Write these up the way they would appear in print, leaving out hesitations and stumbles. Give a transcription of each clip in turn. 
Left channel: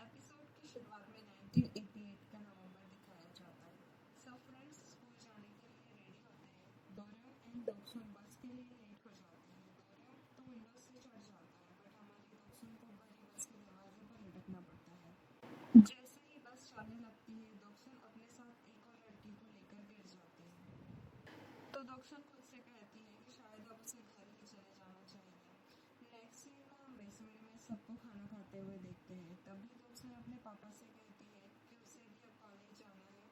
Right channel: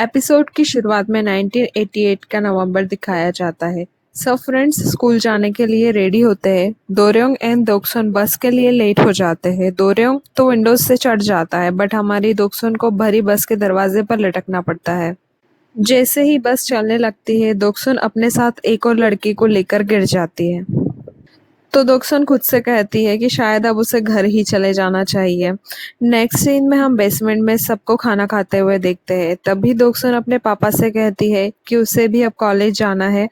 Episode की शुरुआत में 1988 का नवंबर दिखाया जाता है। सब फ्रेंड्स स्कूल जाने के लिए रेडी होते हैं। दोरेंग एंड दोक्सन बस के लिए लेट हो जाते हैं। दोरेंग तो विंडोज से चढ़ जाता है बट हमारी दोक्सन को भरी बस के दरवाजे पर लटकना पड़ता है। जैसे ही बस चलने लगती है दोक्सन अपने साथ एक और लड़की को लेकर गिर जाती है। तो दोक्सन खुद से कहती है कि शायद अब उसे घर ही चले जाना चाहिए। नेक्स्ट सीन में हम बेसमेंट में सबको खाना खाते हुए देखते हैं। तभी दोक्सन अपने पापा से कहती है कि उसे भी अब कॉलेज जाना है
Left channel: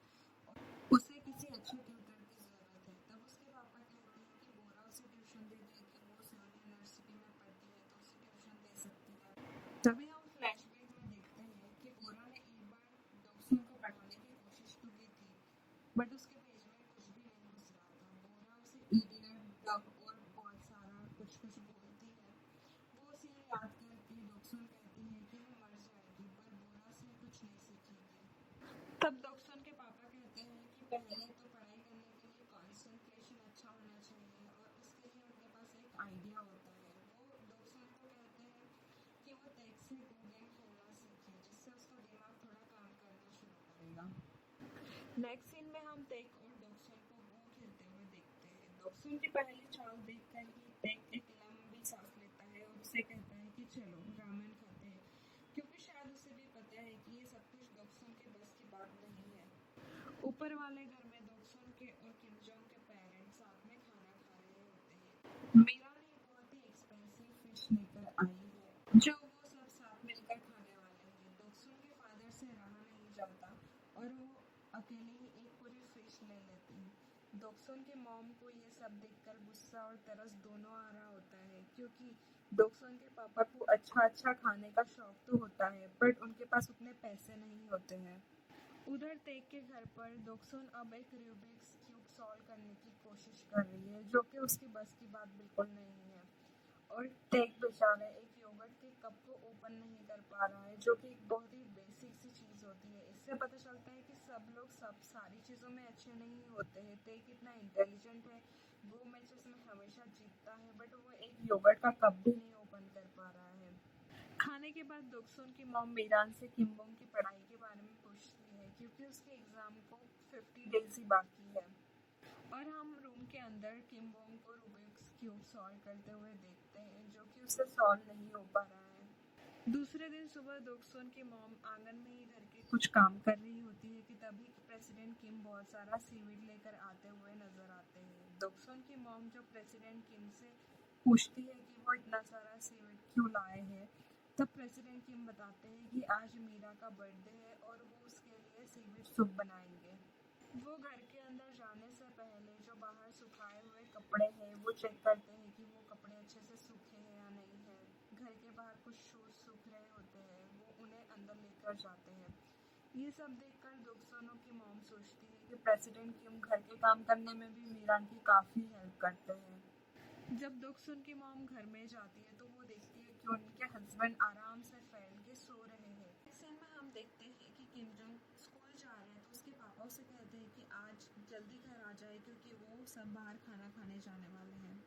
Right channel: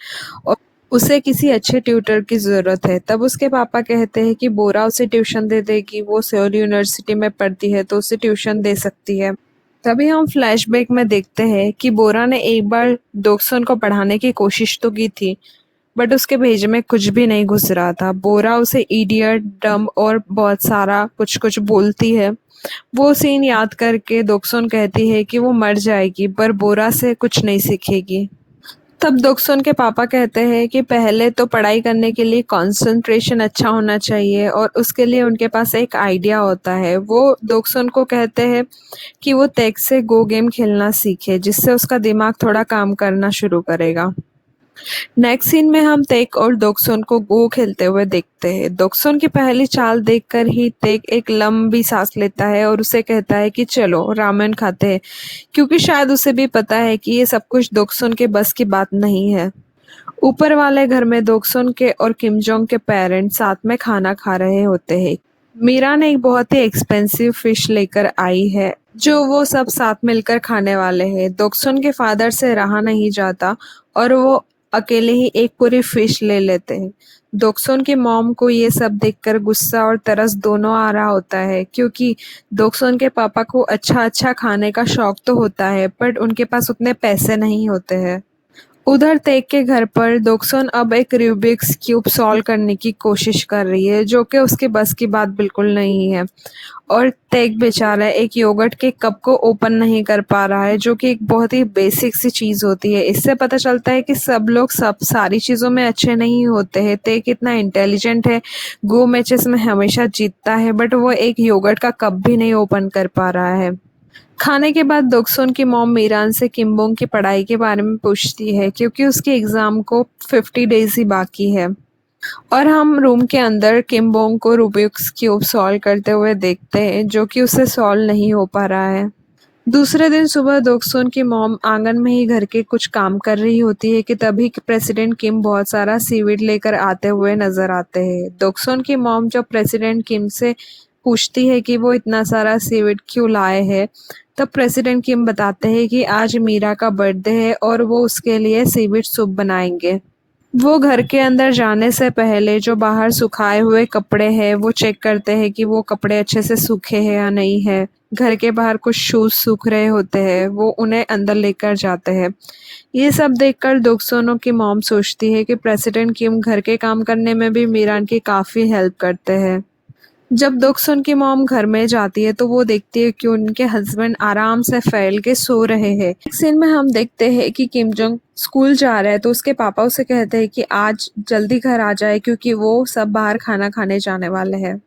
और उसे किसी अच्छे ट्यूटर की ज़रूरत है। तब उसके पापा कहते हैं कि बोरा उसे ट्यूशन दे देगी, वो सेओल यूनिवर्सिटी में पढ़ती है तो उसे ट्यूशन दे सकती है। तभी हम फ्लैशबैक में देखते हैं कि बोरा ने एक बार दोक्सन को पढ़ाने की कोशिश तो की थी बट उसके भेजे में कुछ भी नहीं घुस रहा था। बोरा उसे इडियट, डम और बहुत सारा कुछ कुछ बोलती है। वो सीन याद करके दोक्सन कहती है कि वो मर जाएगी पर बोरा से कुछ नहीं सीखेगी। तब दोक्सन के पापा कहते हैं कि पहले तो पढ़ाई करने के लिए कंसंट्रेशन अच्छा होना चाहिए और उसके लिए उनके पास एक आइडिया होता है। वो दोक्सन को कहते हैं कि वो तेग से गो गेम खेलना सीखे जिससे उसका दिमाग थोड़ा काम करना शुरू करेगा। नेक्स्ट सीन में हम तेक और दोक्सन को गो खेलते हुए देखते हैं। दोक्सन की पहली चाल देखकर ही तेक एक लंबी सांस लेता है और उसे कहता है कि चलो रामेन खाते हैं, क्योंकि शायद उसे भी पता है कि ये सब कुछ दोक्सन के बस की बात नहीं है। ऊपर वाले घर में दोक्सन के और किम जोंग के पेरेंट्स साथ में खाना खा रहे होते हैं। मीरा ने एक बहुत ही एक्सपेंसिव फिश लेकर आई है जो वो सब साथ मिलकर खाने वाले हैं। दोक्सन के फादर से रहा नहीं जाता और वो अकेले ही एक पूरी फिश ले लेते हैं। दोक्सन की मॉम को ये सब देखकर गुस्सा और तरस दोनों आ रहा होता है, क्योंकि दोक्सन के पापा को अच्छा अच्छा खाने का शौक तो होता है बट उनके पास उतने पैसे नहीं होते हैं। उधर तेग के घर पर दोक्सन अब एक रूबिक्स क्यूब सॉल्व करने की कोशिश कर रही है जो कि उसके बस की बात बिल्कुल नहीं है। और तेग बेचारा एक योगर्ट के कप को ओपन नहीं कर पा रहा है जो कि एक बहुत ही बेसिक सी चीज़ होती है। इससे पता चलता है कि सब लोग सब सारी चीज़ों में अच्छे नहीं होते हैं। तेग इतना इंटेलिजेंट है, गो मैचेस में हमेशा जीतता है बट वो एक योगर्ट का कप भी नहीं ओपन कर पा रहा है। खाने के बाद दोक्सुन की मॉम मीरान से किम्बोंग की पढ़ाई के बारे में पूछती है क्योंकि उसके एग्ज़ाम को 50 डेज ही बाकी है। और हम रूम के अंदर किम्बोंग को रूबिक्स क्यूब सॉल्व करते हुए देखते हैं जो कि उसे सॉल्व नहीं हो पा रहा है। दूसरे दिन सुबह दोक्सुन की मॉम आंगन में ही घर के कुछ काम कर रही होती है कि तभी प्रेसिडेंट किम बहुत सारा सीवीड लेकर आते हुए नजर आते हैं। दोक्सुन की मॉम जब प्रेसिडेंट किम से पूछती है कि वो इतना सारा सीवीड क्यों लाए हैं, तब प्रेसिडेंट किम बताते हैं कि आज मीरा का बर्थडे है और वो उसके लिए सीवीड सूप बनाएंगे। वो घर के अंदर जाने से पहले जो बाहर सुखाए हुए कपड़े हैं वो चेक करते हैं कि वो कपड़े अच्छे से सूखे हैं या नहीं है। घर के बाहर कुछ शूज सूख रहे होते हैं, वो उन्हें अंदर लेकर जाते हैं। ये सब देखकर दोक्सोनो की मॉम सोचती है कि प्रेसिडेंट किम घर के काम करने में भी मीरान की काफ़ी हेल्प करते हैं। जब दोक्सुन की मॉम घर में जाती है तो वो देखती है कि उनके हस्बैंड आराम से फैल के सो रहे हैं। एक सीन में हम देखते हैं कि किम जोंग स्कूल जा रहा है तो उसके पापा उसे कहते हैं कि आज जल्दी घर आ जाए क्योंकि वो सब बाहर खाना खाने जाने वाले हैं।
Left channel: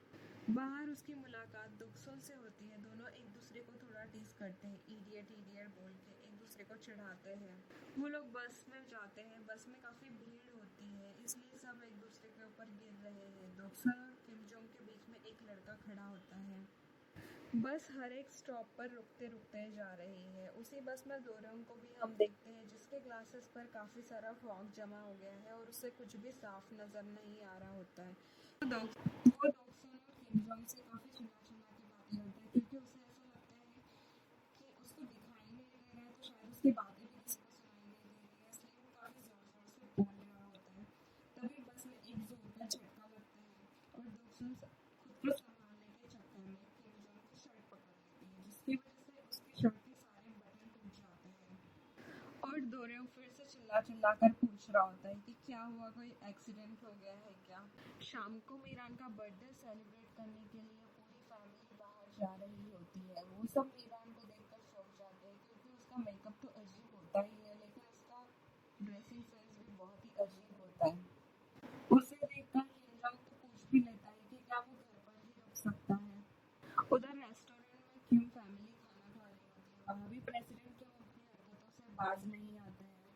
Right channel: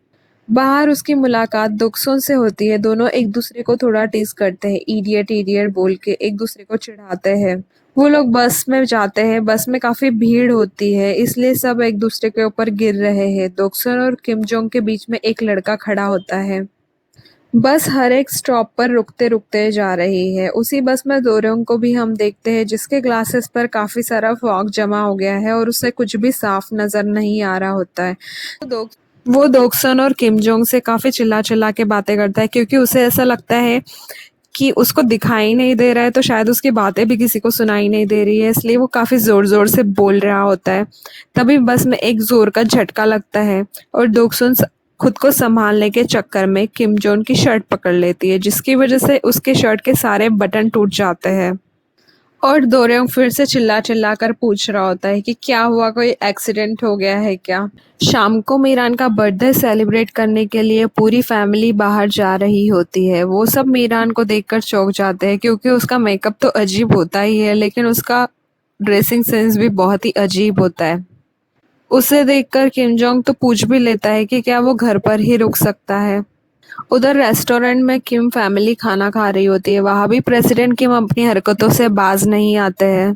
बाहर उसकी मुलाकात दोक्सुन से होती है। दोनों एक दूसरे को थोड़ा टीज करते हैं, इडियट इडियट बोल के एक दूसरे को चिढ़ाते हैं। वो लोग बस में जाते हैं। बस में काफी भीड़ होती है इसलिए सब एक दूसरे के ऊपर गिर रहे हैं। दोक्सन और किम जोंग के बीच में एक लड़का खड़ा होता है। बस हर एक स्टॉप पर रुकते रुकते जा रही है। उसी बस में दोरोंग को भी हम देखते हैं जिसके ग्लासेस पर काफी सारा फॉग जमा हो गया है और उसे कुछ भी साफ नजर नहीं आ रहा होता है। वो दोक्सन और किम जोंग से काफी चिल्ला चिल्ला के बातें करता है क्योंकि उसे ऐसा लगता है कि उसको दिखाई नहीं दे रहा है तो शायद उसकी बातें भी किसी को सुनाई नहीं दे रही है, इसलिए वो काफ़ी ज़ोर ज़ोर से बोल रहा होता है। तभी बस में एक ज़ोर का झटका लगता है और दोक्सुन खुद को संभालने के चक्कर में किम जोन की शर्ट पकड़ लेती है जिसकी वजह से उसके शर्ट के सारे बटन टूट जाते हैं। और दोरेंग फिर से चिल्ला चिल्ला कर पूछ रहा होता है कि क्या हुआ, कोई एक्सीडेंट हो गया है क्या। शाम को मीरान का बर्थडे सेलिब्रेट करने के लिए पूरी फैमिली बाहर जा रही होती है। वो सब मीरान को देखकर चौंक जाते हैं क्योंकि उसका मेकअप तो अजीब होता ही है लेकिन उसका ड्रेसिंग सेंस भी बहुत ही अजीब होता है। उसे देखकर किम जोंग तो पूछ भी लेता है कि क्या वो घर पर ही रुक सकता है। उधर रेस्टोरेंट में किम फैमिली खाना खा रही होती है। वहां भी प्रेसिडेंट किम अपनी हरकतों से बाज नहीं आते हैं।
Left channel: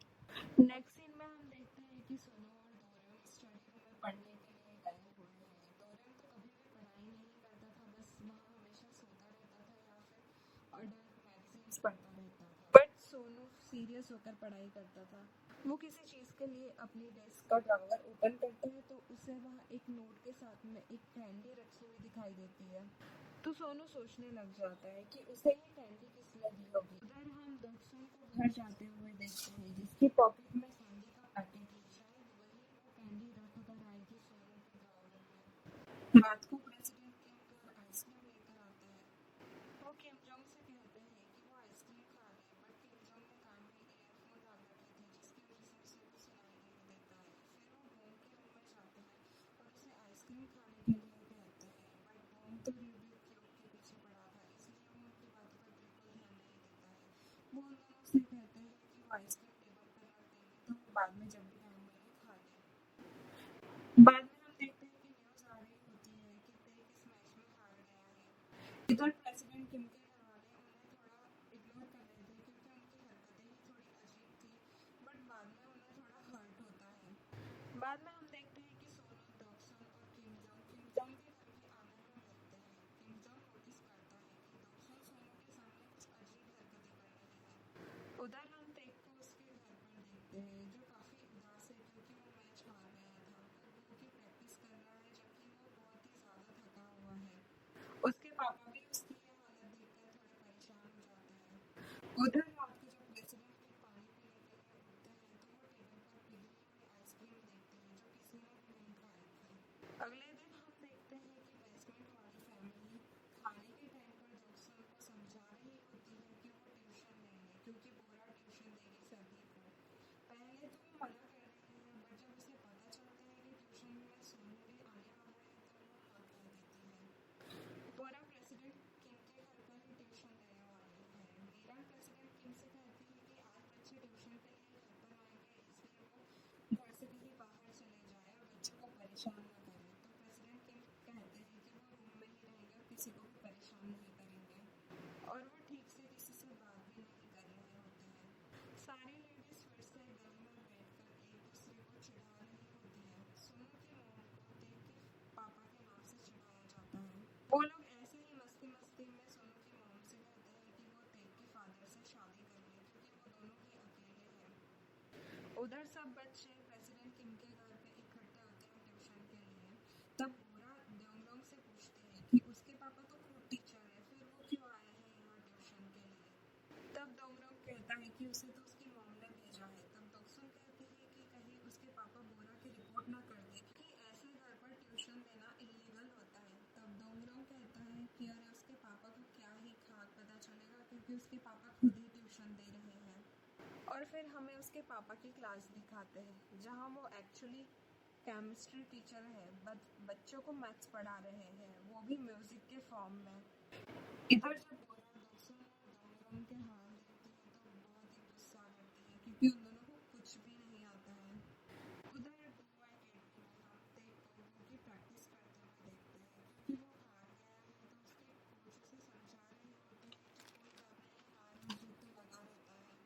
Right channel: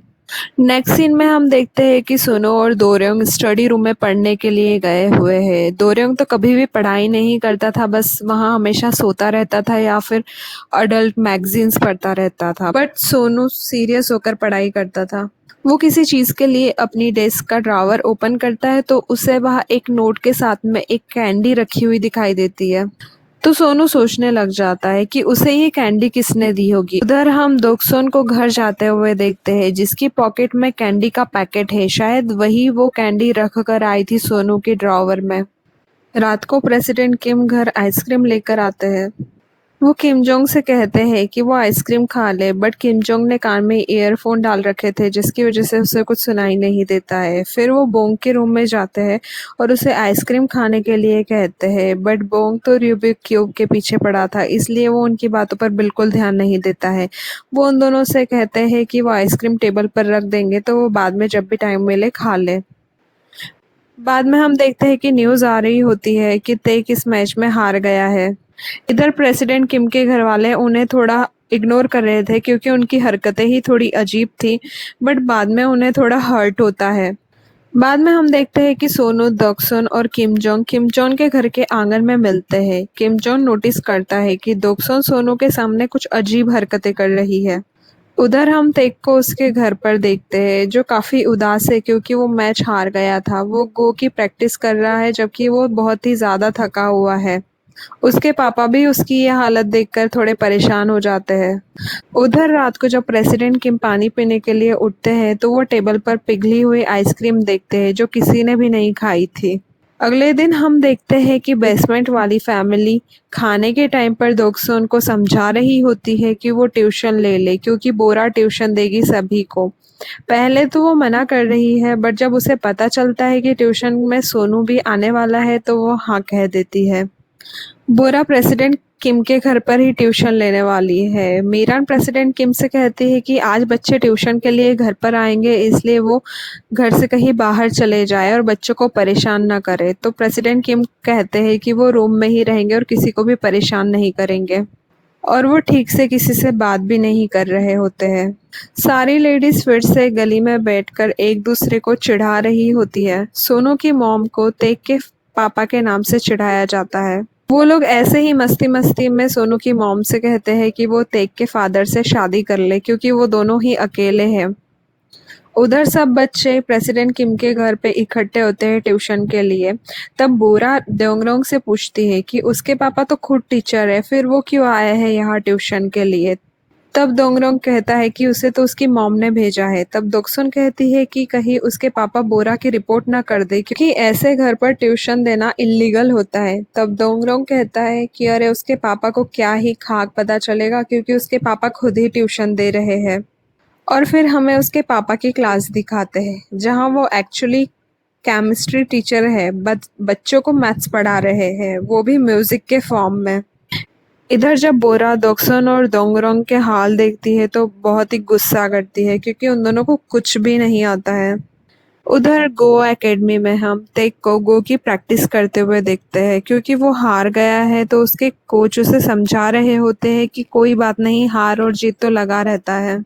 नेक्स्ट सीन में हम देखते हैं कि सुनो और दोरयोंग स्टडी रूम में पढ़ने के लिए गए हुए हैं। दोरयोंग तो कभी भी पढ़ाई नहीं करता था, बस वहाँ हमेशा सोता रहता था या फिर अडल्ट मैगजीन्स पढ़ता रहता था। बट सोनू सीरियस होकर पढ़ाई करता था। वो किसी चीज के लिए अपनी डेस्क का ड्रॉवर ओपन करता है तो उसे वहाँ एक नोट के साथ में एक कैंडी रखी हुई दिखाई देती है। तो सोनू सोचने लग जाता है कि उसे ये कैंडी किसने दी होगी। उधर हम दोक्सोन को घर जाते हुए देखते हैं, जिसकी पॉकेट में कैंडी का पैकेट है। शायद वही वो कैंडी रख कर आई थी सोनू के ड्रॉवर में। रात को प्रेसिडेंट किम घर आइसक्रीम लेकर आते हैं। वो किम जोंग से कहते हैं कि वो आइसक्रीम खा ले, बट किम जोंग ने कान में ईयरफोन डाल रखे थे, जिसकी वजह से उसे कुछ सुनाई नहीं देता है। फिर वो बोंग के रूम में जाते हैं और उसे आइसक्रीम खाने के लिए कहते हैं, बट बोंग तो रूबिक क्यूब के पीछे पड़ा था, इसलिए वो उनकी बातों पर बिल्कुल ध्यान नहीं देता है। वो उन दोनों से कहते हैं कि वो आइसक्रीम टेबल पर रख देंगे, तो वो बाद में जब भी टाइम मिले खा ले। बाद में हम देखते हैं कि न्यूज आ रही होती है कि तेक इस मैच में हार गया है। इधर प्रेसिडेंट किम के घर वाले उन्हें थोड़ा इग्नोर कर रहे थे क्योंकि उनकी हरकतें ही थोड़ी अजीब थी, बट बाद में उन्हें थोड़ा हर्ट होता है। बाद में हम देखते हैं कि सोनू, दोक्सन और किम जोंग के घर के आंगन में मिलते हैं। किम जोंग नोटिस करता है कि दोक्सन सोनू के सामने कुछ अजीब हरकतें कर रही है। उधर हम तेक को उसके घर पर देखते हैं, जो काफी उदास है क्योंकि वो मैच हार गया था। वो गो की प्रैक्टिस कर रहा है जबकि वो बहुत ही ज्यादा थका हुआ है। उसके पापा भी उसकी ये हालत देखकर थोड़े परेशान हो जाते हैं। उधर रात को जब प्रेसिडेंट किम पानी पीने के लिए उठते हैं तो वो टेबल पर पिघली हुई आइसक्रीम देखते हैं, जो किसी ने भी नहीं खाई थी। अगले दिन हम देखते हैं कि बेसमेंट वाली फैमिली खाने के टाइम पर दोक्सोन को समझा रही होती है कि वो ट्यूशन ले ले, क्योंकि बोरा ट्यूशन देगी सभी को। पहले तो वो मना कर रही है, बट जब उसे पता चलता है कि ट्यूशन में सोनू भी आने वाला है तो वो हाँ कह देती है। बोरा प्रेसिडेंट किम के घर पर ही ट्यूशन लेने वाली है। मीरान प्रेसिडेंट किम से कहती है कि आज बच्चे ट्यूशन के लिए घर पर आएंगे, इसलिए वो घर से कहीं बाहर चले जाए और बच्चों को परेशान ना करे। तो प्रेसिडेंट किम कहते हैं कि वो रूम में ही रहेंगे और किसी को भी परेशान नहीं करेंगे, और वो ठीक से किसी से बात भी नहीं कर रहे होते हैं। सारी लेडीज फिर से गली में बैठकर एक दूसरे को चिढ़ा रही होती है। सोनू की मॉम को तेग के पापा के नाम से चिढ़ाया जाता है। वो लोग ऐसे ही मस्ती मस्ती में सोनू की मॉम से कहते हैं कि वो तेग के फादर से शादी कर ले, क्योंकि वो दोनों ही अकेले हैं। उधर सब बच्चे प्रेसिडेंट किम के घर पे इकट्ठे होते हैं ट्यूशन के लिए। तब बोरा दोंगरोंग से पूछती है कि उसके पापा तो खुद टीचर है, फिर वो क्यों आए हैं यहाँ ट्यूशन के लिए। तब दोंगरोंग कहता है कि उसे तो उसकी मॉम ने भेजा है। तब दोक्सुन कहती है कि कहीं उसके पापा बोरा की रिपोर्ट ना कर दे, क्योंकि ऐसे घर पर ट्यूशन देना इलीगल होता है। तब दोंगरोंग कहता है कि अरे उसके पापा को क्या ही खाक पता चलेगा, क्योंकि उसके पापा खुद ही ट्यूशन दे रहे हैं। और फिर हमें उसके पापा की क्लास दिखाते हैं, जहाँ वो एक्चुअली केमिस्ट्री टीचर है, बच्चों को मैथ्स पढ़ा रहे हैं, वो भी म्यूजिक के फॉर्म में। इधर जब बोरा दोक्सन और दोंगरोंग के हाल देखती है तो बहुत ही गुस्सा करती है, क्योंकि उन दोनों को कुछ भी नहीं आता है। उधर गो एकेडमी में हम तेग को गो की प्रैक्टिस करते हुए देखते हैं, क्योंकि वो हार गया है तो उसके कोच उसे समझा रहे होते हैं कि कोई बात नहीं, हार और जीत तो लगा रहता है।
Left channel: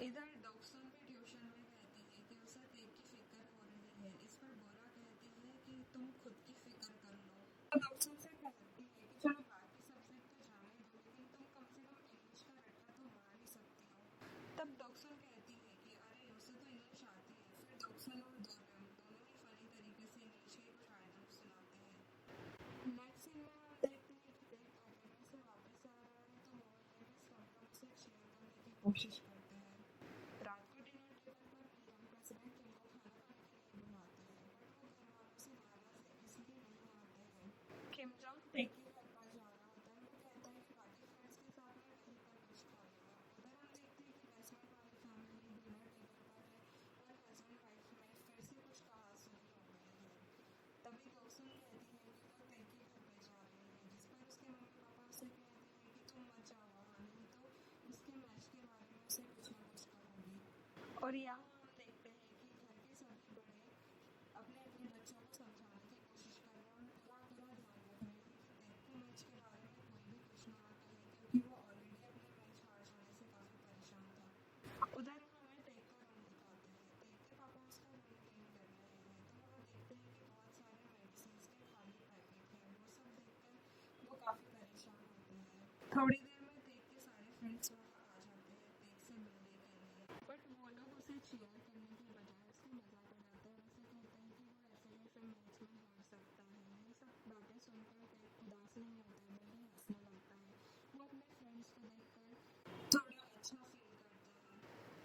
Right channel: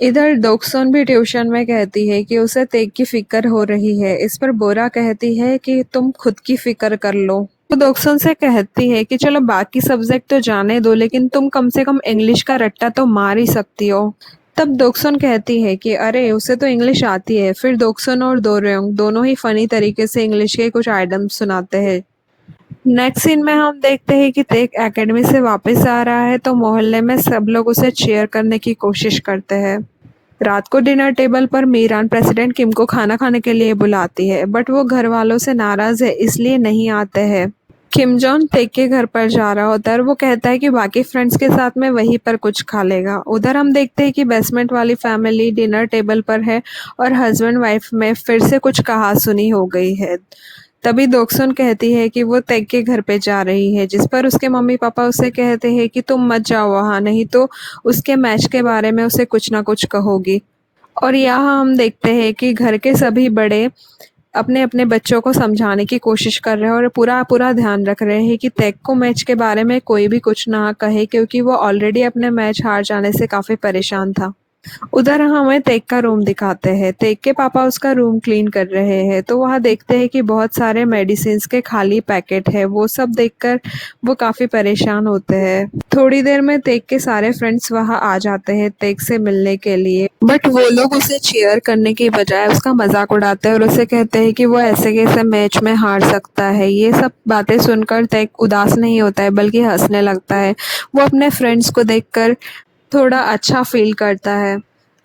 इधर दोक्सोन भी ट्यूशन में कहती है कि उसे तेग की फिक्र हो रही है। इस पर बोरा कहती है कि तुम खुद की फिक्र कर लो। तो दोक्सोन से कहती है कि चलो बाकी सब्जेक्ट तो जाने दो, लेकिन तुम कम से कम इंग्लिश का रट्टा तो मार ही सकती हो। तब दोक्सोन कहती है कि अरे उसे तो इंग्लिश आती है। फिर दोक्सोन और दोरयोंग दोनों ही फनी तरीके से इंग्लिश के कुछ आइटम सुनाते हैं। नेक्स्ट सीन में हम देखते हैं कि तेग एकेडमी से वापस आ रहा है तो मोहल्ले में सब लोग उसे चीयर करने की कोशिश करते हैं। रात को डिनर टेबल पर मीरान प्रेसिडेंट किम को खाना खाने के लिए बुलाती है, बट वो घर वालों से नाराज है, इसलिए नहीं आते हैं। किम जॉन तेग के घर पर जा रहा होता है और वो कहता है कि बाकी फ्रेंड्स के साथ में वहीं पर कुछ खा लेगा। उधर हम देखते हैं कि बेसमेंट वाली फैमिली डिनर टेबल पर है और हस्बैंड वाइफ में फिर से कुछ कहा सुनी हो गई है। तभी दोक्सुन कहती है कि वो तेग के घर पे जा रही है, जिस पर उसके मम्मी पापा उसे कहते हैं कि तुम मत जाओ वहाँ, नहीं तो उसके मैच के बारे में उसे कुछ ना कुछ कहोगी। और यहाँ हम देखते हैं कि घर के सभी बड़े अपने अपने बच्चों को समझाने की कोशिश कर रहे हैं और पूरा पूरा ध्यान रख रहे हैं कि तेग को मैच के बारे में कोई भी कुछ ना कहे, क्योंकि वो ऑलरेडी अपने मैच हार जाने से काफ़ी परेशान था। उधर हमें तेग का रूम दिखाते हैं। तेग के पापा उसका रूम क्लीन कर रहे हैं, तो वहाँ देखते हैं कि बहुत सारे मेडिसिन के खाली पैकेट है। वो सब देखकर वो काफ़ी परेशान होते हैं। थोड़ी देर में तेग के सारे फ्रेंड्स वहाँ आ जाते हैं तेग से मिलने के लिए, बट वो लोग उसे चीयर करने की बजाय उसका मजाक उड़ाते हैं और उसे कहते हैं कि वो ऐसे कैसे मैच में हार सकता है। ये सब बातें सुनकर तेग उदास नहीं होता है, बल्कि हंसने लगता है। वो अपने फ्रेंड्स को देखकर थोड़ा अच्छा फील करता है।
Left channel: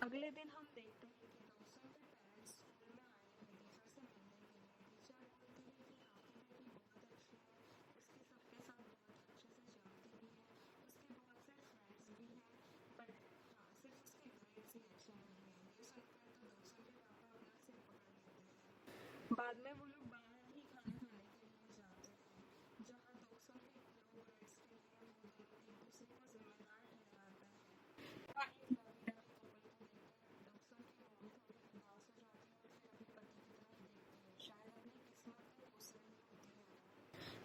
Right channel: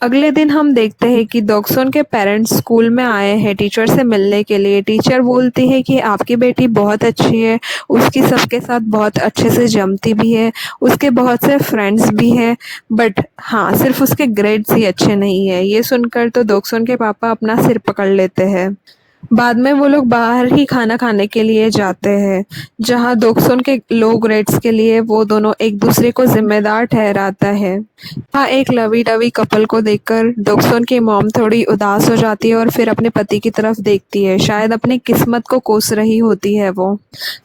अगले दिन हम देखते हैं कि दोक्सोन के पेरेंट्स स्कूल में आए हैं टीचर से मिलने के लिए। टीचर बोलती है कि आपकी बेटी बहुत अच्छी है, उसकी सबके साथ बहुत अच्छे से जमती भी है, उसके बहुत से फ्रेंड्स भी हैं, बट हाँ, सिर्फ उसके ग्रेड्स ही अच्छे नहीं है। ये सुनकर तो दोक्सोन के पापा अपना सिर पकड़ लेते हैं। बाद में वो लोग बाहर ही खाना खाने के लिए जाते हैं, जहाँ दोक्सोन के लो ग्रेड्स के लिए वो दोनों एक दूसरे को जिम्मेदार ठहराता है। हाँ, एक लवी डवी कपल को देखकर दोक्सोन की मॉम थोड़ी उदास हो जाती है और फिर अपने पति की तरफ देखती है। शायद अपनी किस्मत को कोस रही होती है वो।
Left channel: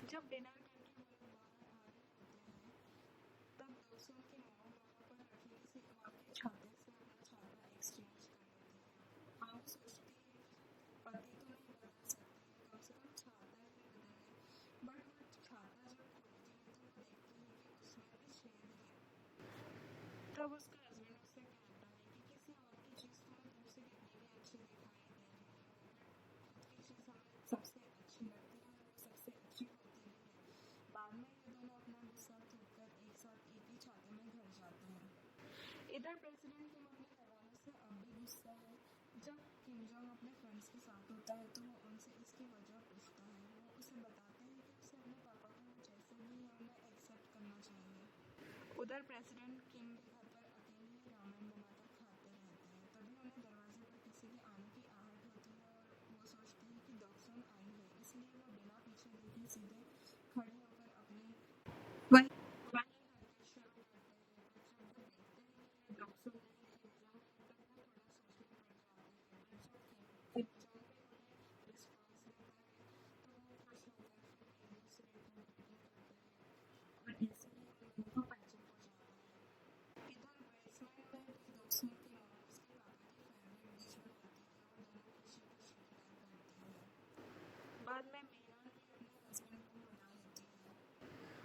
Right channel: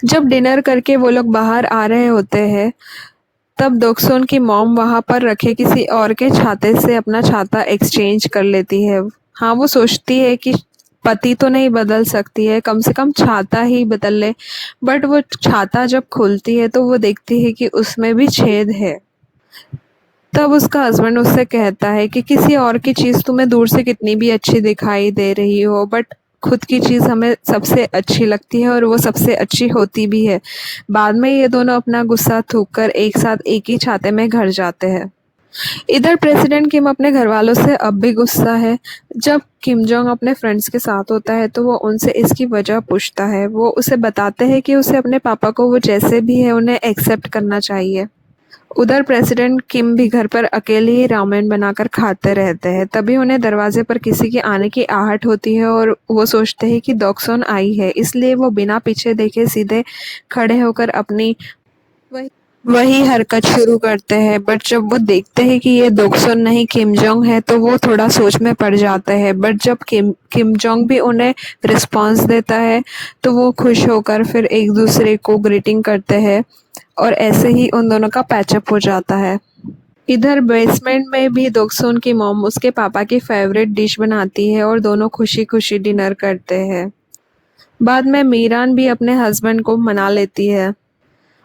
जब डिनर करके वो लोग बाहर आ रहे होते हैं, तब दोक्सोन की मॉम वहाँ पर रखे किसी और के छाते से अपना छाता एक्सचेंज कर लेती है। हाँ, वो सोचती है कि पति तो नहीं बदल सकती है, कम से कम छाता ही बदल ले। बट वो छाता जब खुलती है तो वो देखती है कि उसमें भी छेद है। तब उसका हस्बैंड उससे कहता है कि किसी और की चीज़ तुम्हें दूर से कितनी भी अच्छी दिखाई दे रही हो, बट खुद की चीज़ हमें सबसे अच्छी लगती है और वो सबसे अच्छी होती भी है। बाद में ये दोनों अपना गुस्सा थूक कर एक साथ एक ही छाते में घर जाते हैं। इधर प्रेसिडेंट किम अपने घर वालों से अब भी गुस्सा है। जब किम जोंग अपने फ्रेंड्स के साथ होता है तो वो उनसे इसकी वजह पूछता है। वो उसे बताते हैं कि उसे अपने पापा को वो जैसे भी है उन्हें एक्सेप्ट करना चाहिए। उधर प्रेसिडेंट किम भी घर पर अकेले ही रामेन बनाकर खाते रहते हैं। तभी उन्हें दरवाजे पर किसी के आने की आहट होती है और वो सोचते हैं कि दोक्सोन आई है, इसलिए वो बिना पीछे देखे सीधे खड़े होकर अपनी वही वही हरकत शुरू करते हैं। बट जब वो देखते हैं कि ये दोक्सोन नहीं किम जोंग है तो वो थोड़ा सोच में पड़ जाते हैं। बट जब किम जोंग भी उन्हें रिस्पॉन्स देता है तो वो खुश होकर फिर एक दूसरे को ग्रीटिंग करते हैं और ऐसे ही उन दोनों का पैचअप हो जाता है। इधर बेसमेंट में भी दोक्सोन की मॉम उसके पापा की फेवरेट डिश बनाती है और दोनों खुशी खुशी डिनर करते हैं। बाद में मीरान भी अपने हस्बैंड को मना लेती है।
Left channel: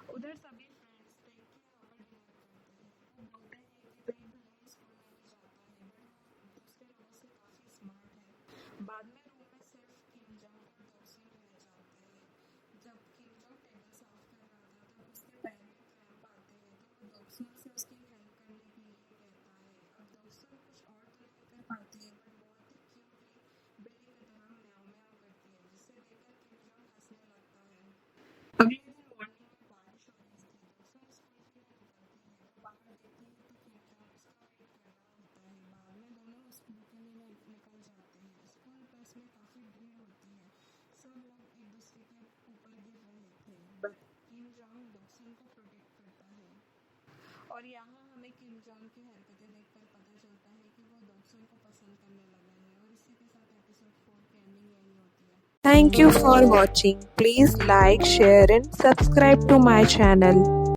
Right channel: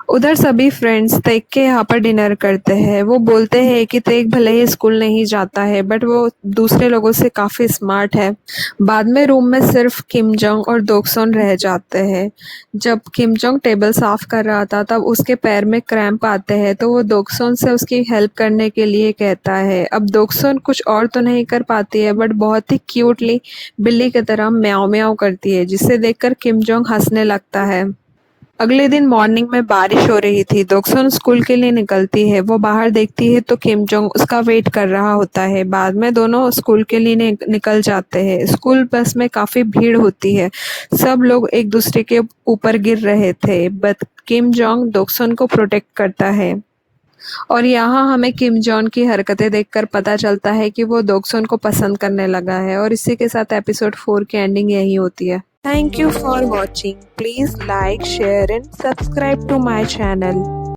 उधर सभी फ्रेंड्स तेग के यहाँ पर डिनर करते हैं। वो बोलते हैं कि तेग भले ही स्कूल नहीं जाता है, बट वो दूसरे लोगों से काफ़ी स्मार्ट है। बाद में रूम में सिर्फ किम जोंग और दोक्सोन रह जाते हैं। जब किम जोंग टेबल साफ कर रहा था तब उसके पैर में क्रैम्प आते हैं, तो वो दोक्सोन से उसकी हेल्प करने के लिए कहता है। अब दोक्सोन कुछ और तो नहीं कर पाती है, बट बहुत ही क्यूटली बिल्ली की तरह म्याऊं म्याऊं करती है, जिसे देखकर किम जोंग हंसने लगता है। अगले दिन मॉर्निंग में बारिश हो रही थी। दोक्सोन स्कूल के लिए निकलती है। वो बाहर देखती है तो किम जोंग उसका वेट कर रहा होता है। बाद में दोनों स्कूल के लिए निकल जाते हैं। स्कूल बस में काफ़ी भीड़ होती है। सब लोग एक दूसरे के ऊपर गिर रहे थे, बट किम जोंग दोक्सोन को प्रोटेक्ट करता है। और यहाँ हमें किम जॉन की हरकतें देखकर पता चलता है कि वो दोक्सोन को पसंद करने लगा है। और इसी के साथ एपिसोड 4 की एंडिंग यही होती है। Thank you for watching. Please like, share and subscribe to my channel.